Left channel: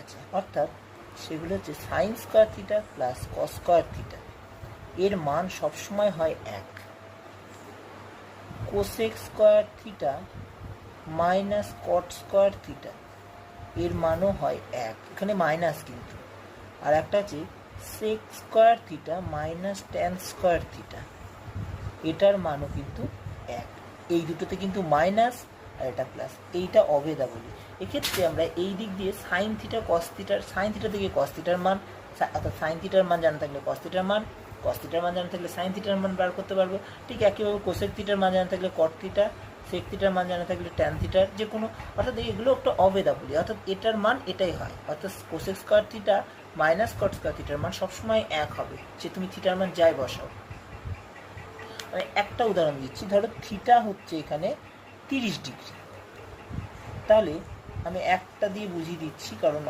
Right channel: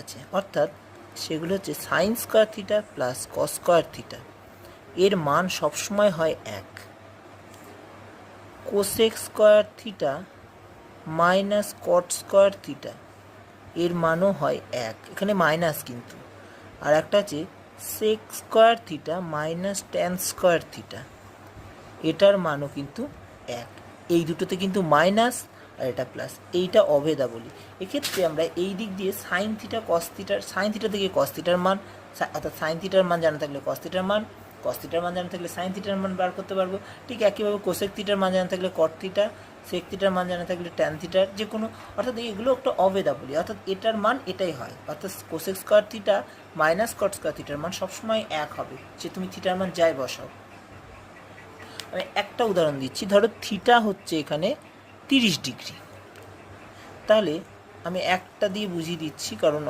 আছে, অর্থাৎ সেগুলো হচ্ছে sine square theta plus cos square theta, এর মান সবসময় হয় 1। Cosec square theta minus cot square theta, এর মানও হয় 1, এখানে মাইনাস কিন্তু। আর একটা আছে sec square theta minus tan square theta, এটার মানও কিন্তু 1। এই দুটোতে কিন্তু মাইনাস আর এটা প্লাস, এইটা অভেদা বলি। এক্ষেত্রে আমরা এই দিক দিয়ে সাইন থিটা কস থিটার, সাইন থিটা থেকে কস থিটার মান, অর্থাৎ সাইন থিটার মান জানা থাকলে কস থিটার মান, কস থিটার মান জানা থাকলে সাইন থিটার মান বার করতে পারবো। ঠিক একইভাবে কোসেক থিটার মান জানা থাকলে কট থিটা, সেক থিটার মান জানা থাকলে ট্যান থিটার, যে কোনো, অর্থাৎ এগুলো একটা অভেদা বলি, অর্থাৎ এটার মান এটাই হয়। অর্থাৎ cosec square theta minus cot square থিটার মান সবসময় 1 হবে, সে তুমি থিটার মান যাই বসাও। আমি একটা উদাহরণ দিচ্ছি, ধরো থিটা হচ্ছে এখানে 30 ডিগ্রি, তাহলে আমি একটা দিয়ে বুঝিয়ে দিচ্ছি, কারণ